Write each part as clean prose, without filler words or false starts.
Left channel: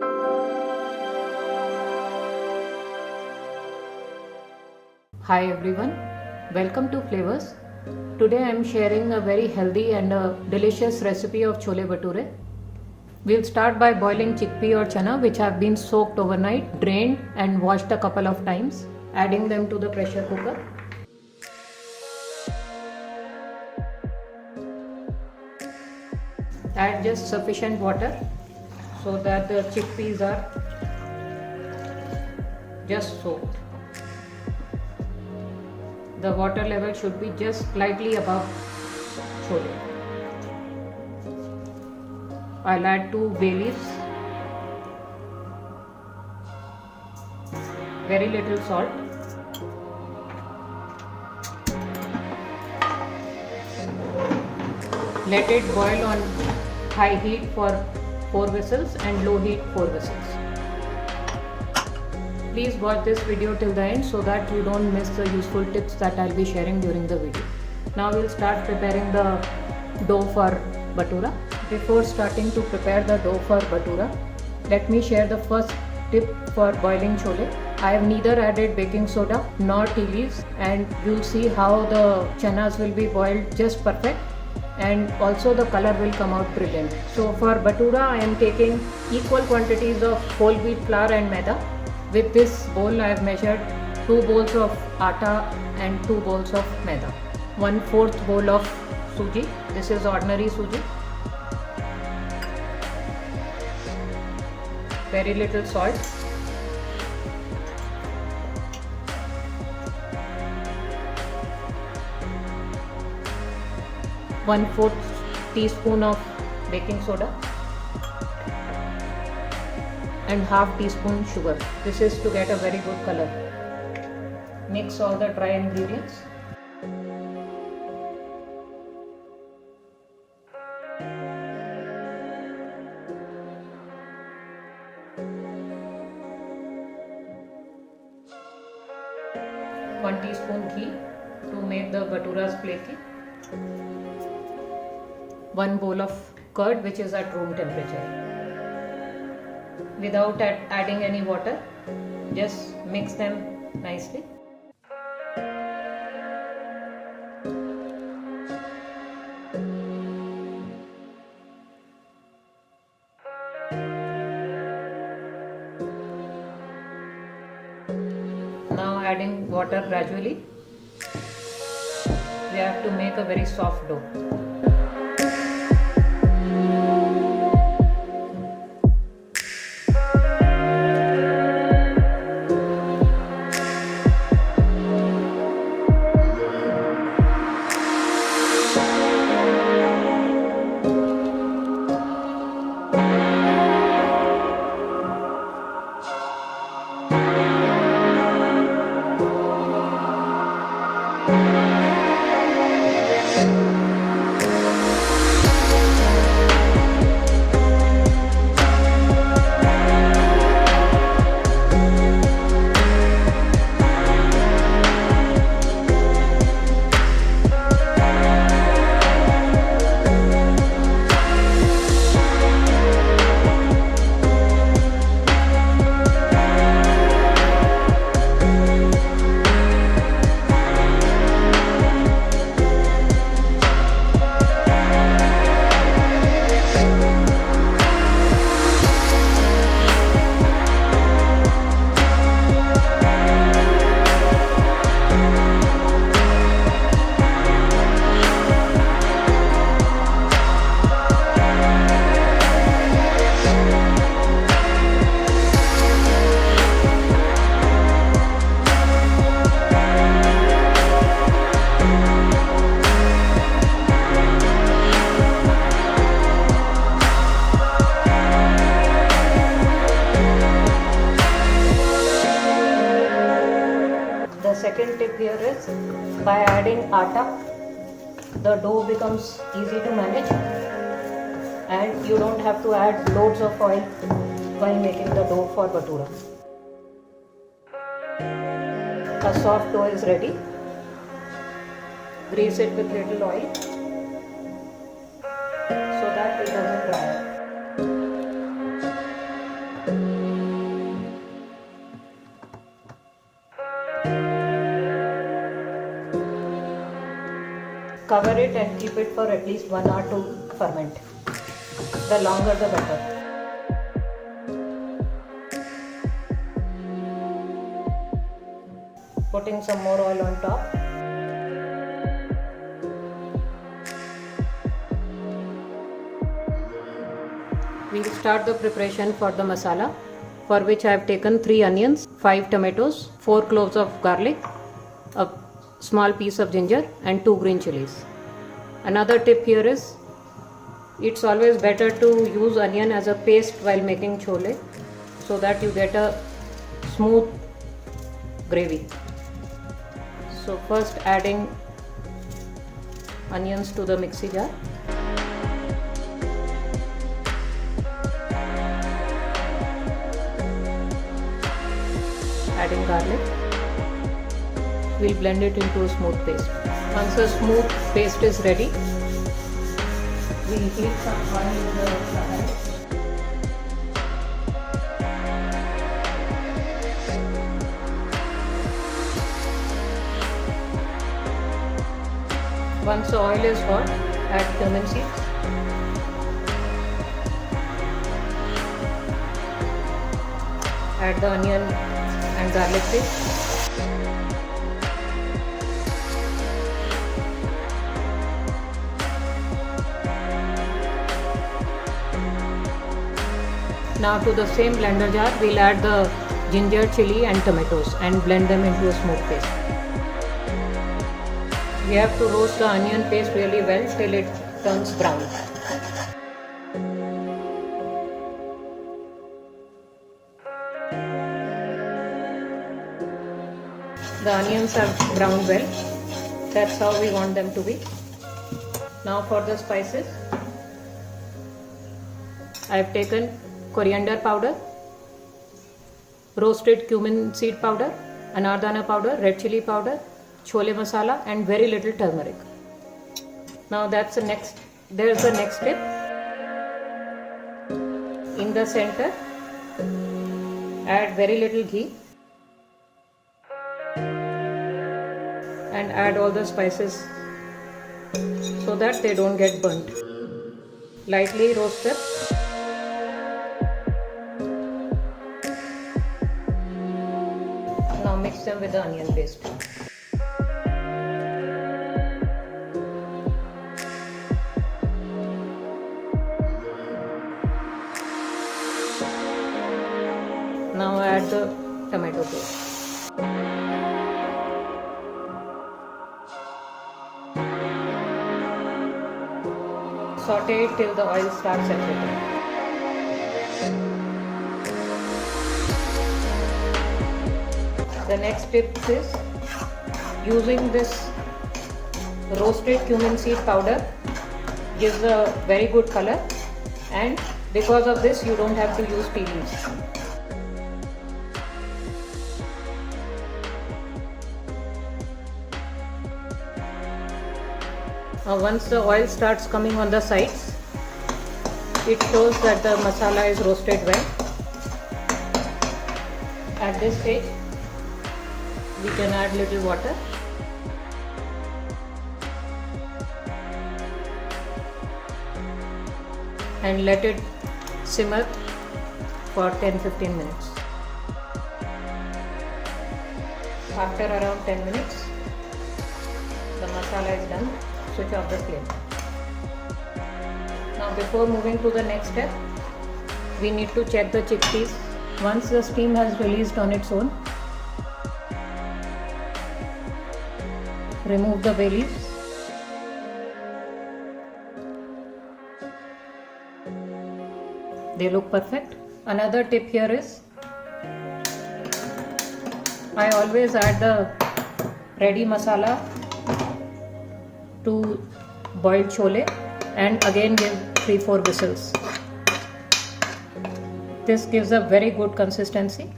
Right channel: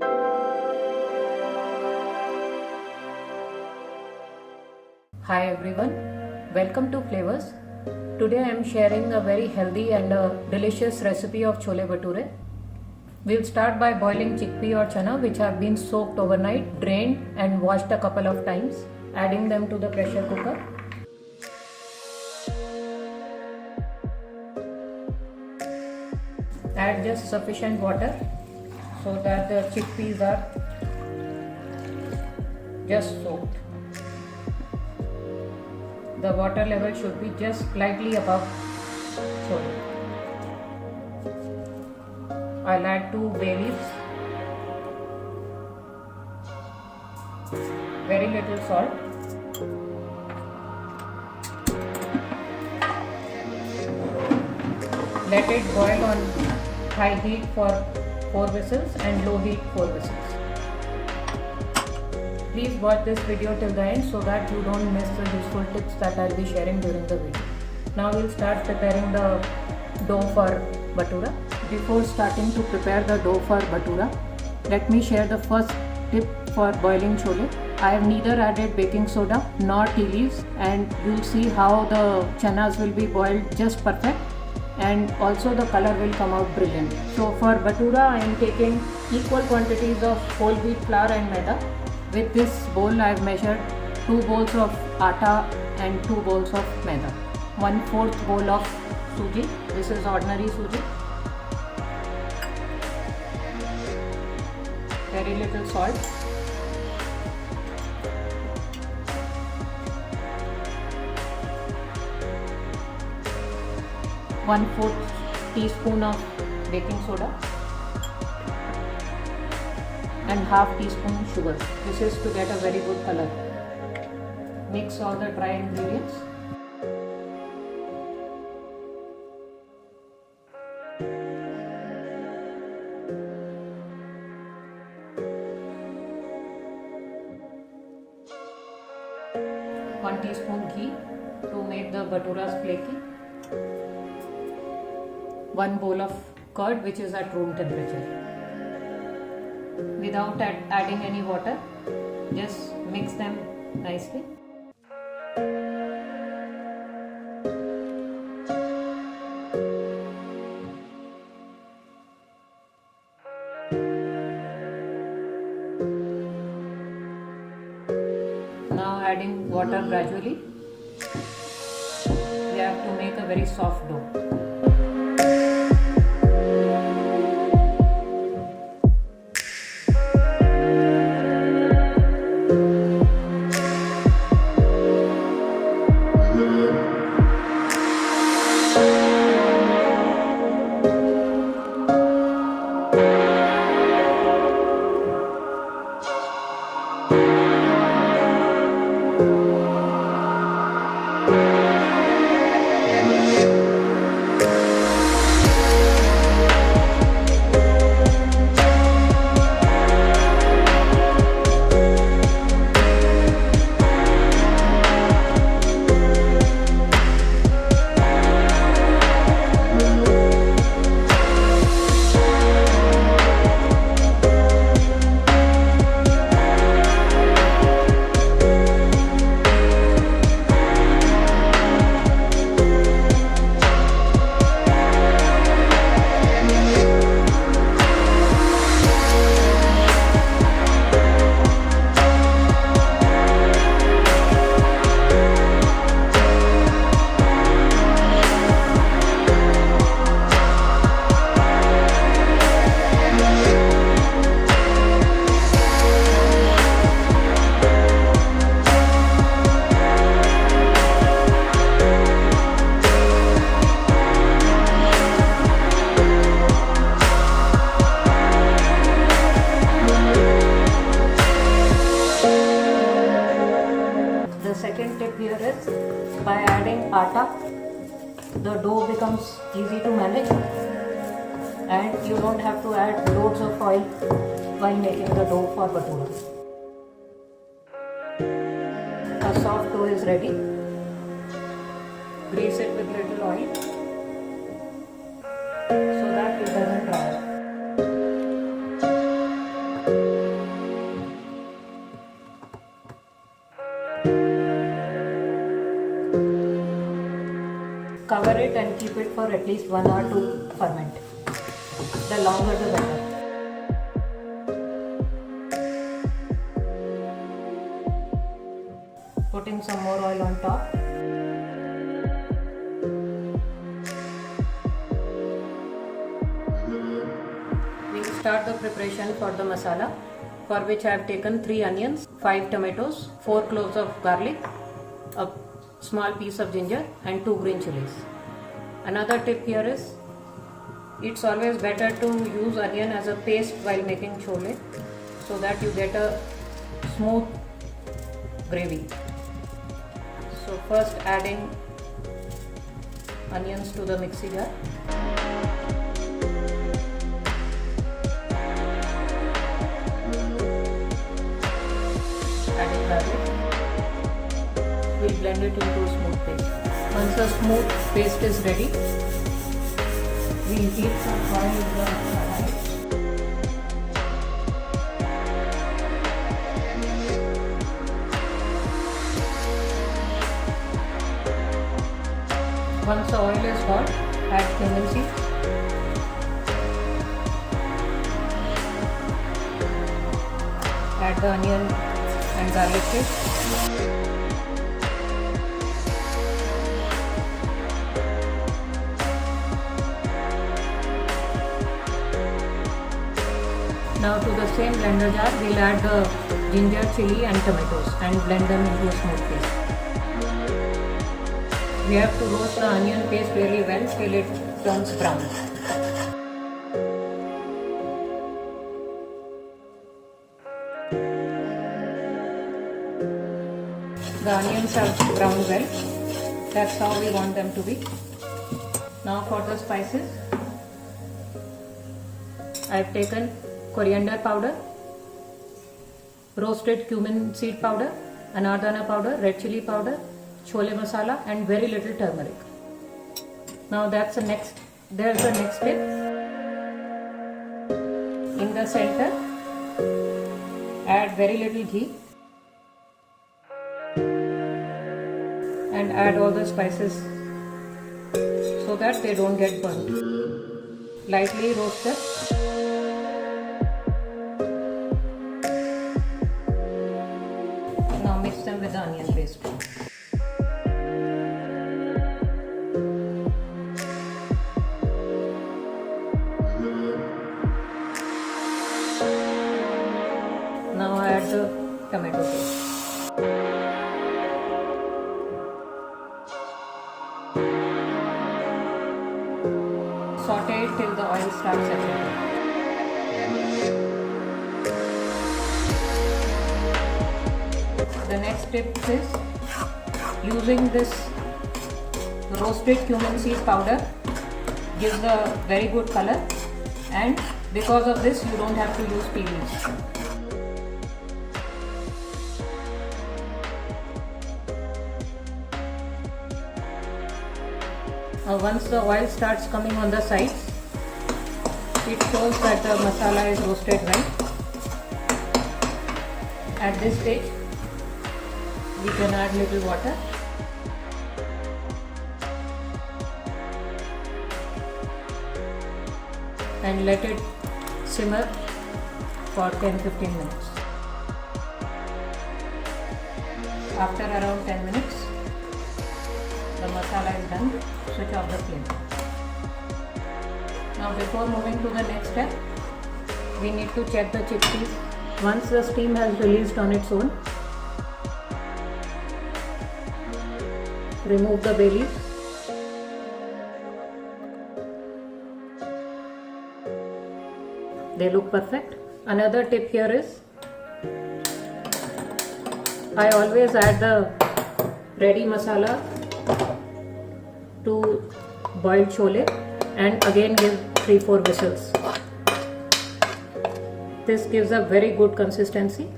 Hi everyone, welcome to Flavors. Today I am sharing a very healthy and delicious recipe of chole bhature. We'll start by boiling chickpea or chana which have been soaked overnight, drained and washed a couple of times, adding them to the pressure cooker. Add just sufficient water so that the chickpeas are just soaked. The water level should be just slightly above chole. I'll add 2 bay leaves, very little salt, let it boil on high heat for 4 whistles and low heat 4 whistles. Please watch this video till the end so that you don't miss the useful tips that I'll be sharing during the video. Now we'll start preparing the dough for bhatura. Before starting to prepare the dough for bhatura, let me share the first tip for boiling chole. I have neither added baking soda nor tea leaves, and you'll see how the chanas will be boiled just perfect, and also the color will come out brilliant. So for bhatura I am taking equal quantities of whole wheat flour and maida. With this bowl I have measured 2 bowls of atta and 2 bowls of maida. 1/4 bowl of suji. This is ordinary suji. Very little salt. One-4 teaspoon of baking soda and half teaspoon sugar. This is to get a very good color. Mix all the dry ingredients. One teaspoon ghee to make the bhaturas flaky. 1 bowl of curd which is at room temperature. Without adding any water, just mix them nicely. Now adding water gradually. We have to make a very soft dough. The second tip here is, by adding atta, the dough becomes easy to manage and you don't have to add loads of oil while making the dough for bhatura. A soft dough is ready. Grease it with little oil so that it doesn't dry. it and keep it for at least 1 hour to ferment. The longer the better. Putting some more oil on top. We will start the preparation for the masala, for which I have taken 3 onions, 5 tomatoes, 4 cloves of garlic, a small piece of ginger and 2 green chilies. Another tip here is, it's always better to use onion as a paste while making chole so that you get a smooth gravy. So first adding onions to the mixie jar. Adding garlic. We'll blend it into a smooth paste. Once a smooth paste is ready, we'll heat some oil in the karahi. Once the oil is hot, add cumin seeds. Add the onion and garlic paste. Now to the same blender jar, we'll add the ginger, chili and tomatoes and blend them into a smooth paste. We have to roast the onion paste really well till it turns brown. The onions are browned well. That's how we want them to be. Now for the spices, I have taken coriander powder, roasted cumin seed powder, anardana powder, red chili powder, chole masala and very little turmeric. Now there's the next step. In the center, add very little ghee and add all the spices so that they don't get burnt. Lightly roast them. Now mix them with the onion paste. Now add the tomato paste. Saute it till the oil starts separating. The next tip is using this roasted cumin seed powder gives a very good color, and because of this you don't have to use peelings. Once the oil starts coming on the sides, it shows that the masala is roasted well. At this stage, we can add little water. And let it simmer for 10-15 minutes. After around 10 minutes, the masala is done. Switch off the flame. Now before moving to the next step, we need to check the chickpeas. Once the steam has released on its own, remove the bay leaves. They look perfect. Another tip here is, I always add the ready masala to boiled chole and again give 3-4 whistles. This gives a very good consistency.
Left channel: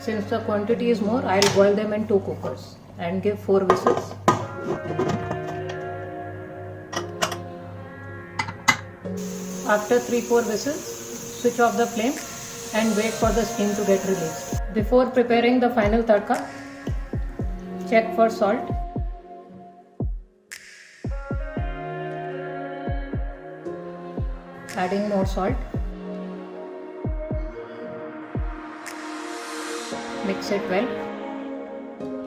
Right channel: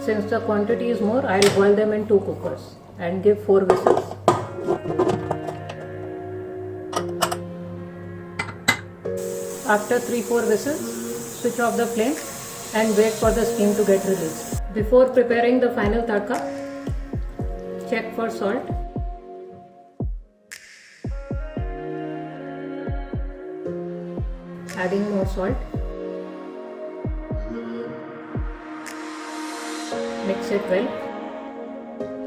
Since the quantity is more, I will boil them in 2 cookers and give 4 whistles. After 3-4 whistles, switch off the flame and wait for the steam to get released. Before preparing the final tadka, check for salt. Adding more salt. Mix it well.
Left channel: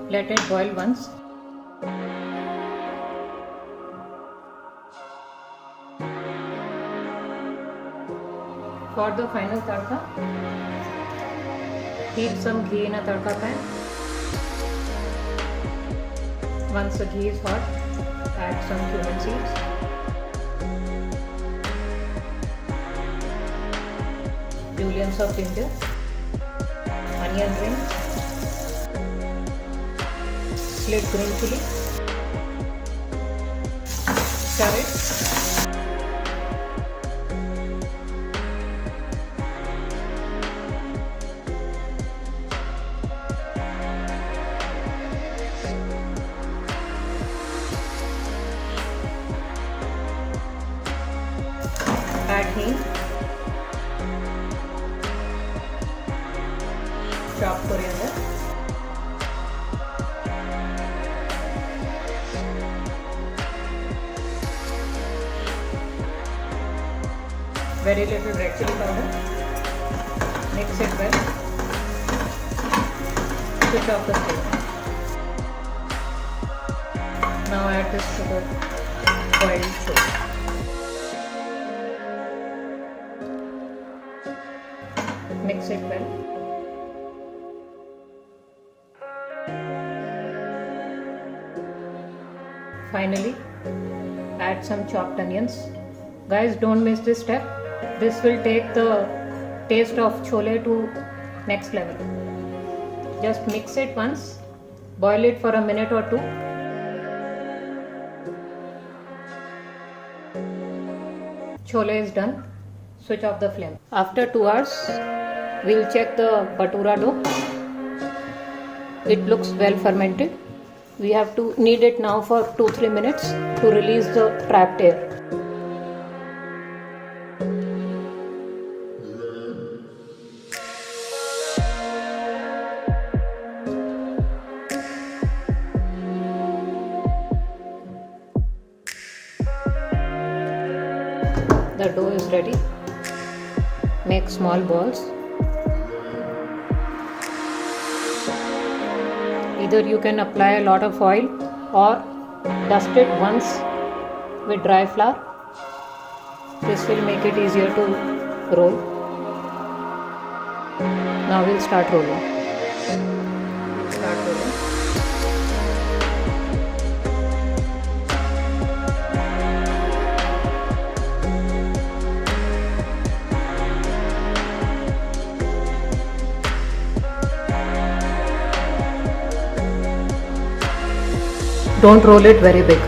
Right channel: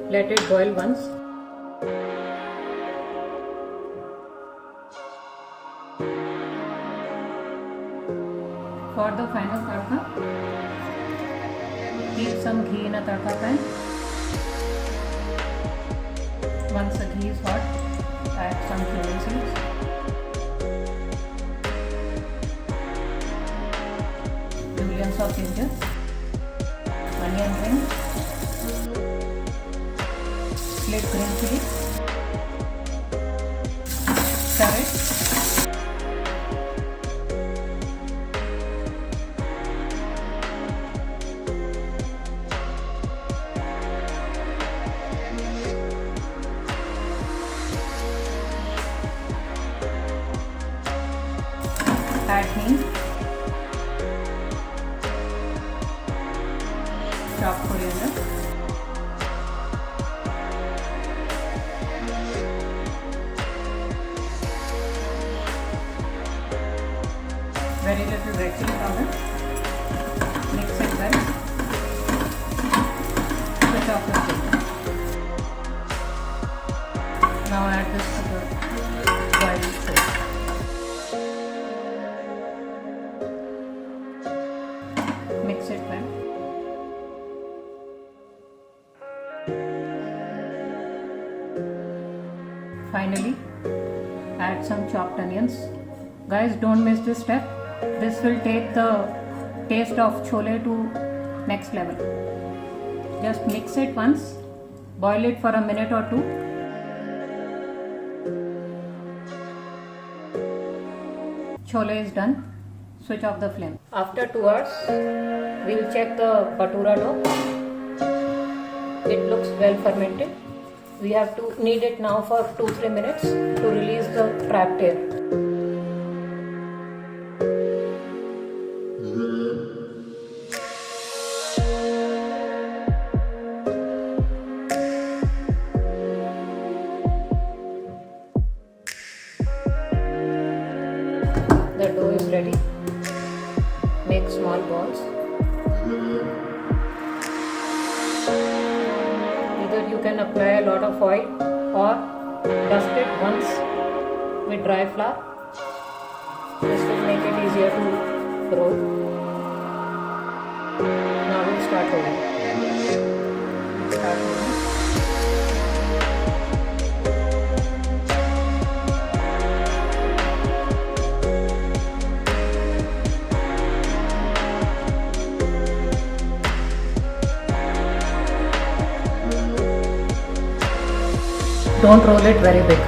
Let it boil once. For the final tadka, heat some ghee in a tadka pan. Once the ghee is hot, add some cumin seeds. Julienne of ginger, onion rings, slit green chili, stir it. Add hing, chopped coriander, very little red chili powder. Mix it well. Switch off the flame. Now add this to the boiled chole. Mix it well. Finally, add some chopped onions. Guys, don't miss this step. This will take the taste of chole to next level. Just mix it once. Boil it for a minute or two. Chole is done. Switch off the flame. After 2 hours, we'll check the bhatura dough. It looks well fermented. We have to knead it now for 2-3 minutes to release the trapped air. The dough is ready. Make small balls. Either you can apply a lot of oil or dust it once with dry flour. This will make it easier to roll. Now we'll start rolling. Don't roll it very big.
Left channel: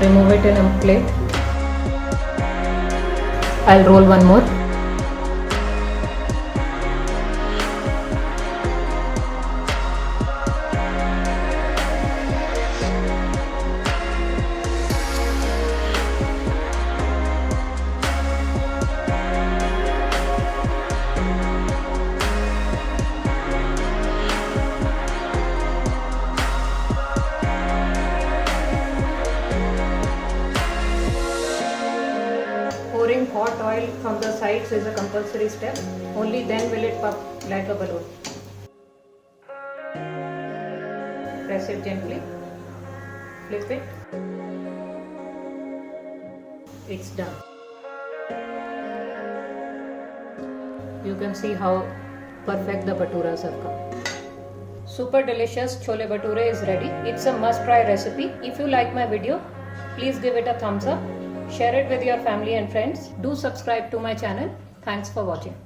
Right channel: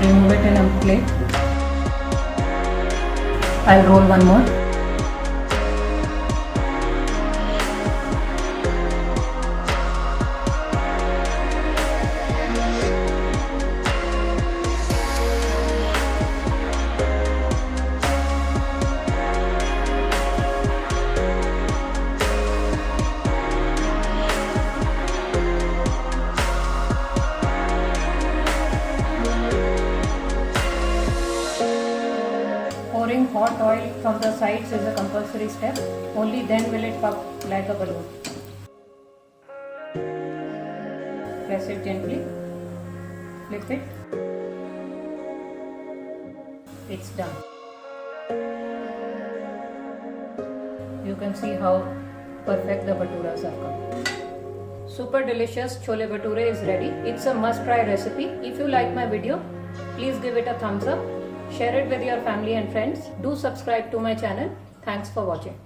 Remove it in a plate. I'll roll one more. Pouring hot oil from the sides is a compulsory step. Only then will it puff like a balloon. Press it gently. Flip it. It's done. You can see how perfect the bhaturas are come. Super delicious chole bhature is ready. It's a must try recipe. If you like my video, please give it a thumbs up. Share it with your family and friends. Do subscribe to my channel. Thanks for watching.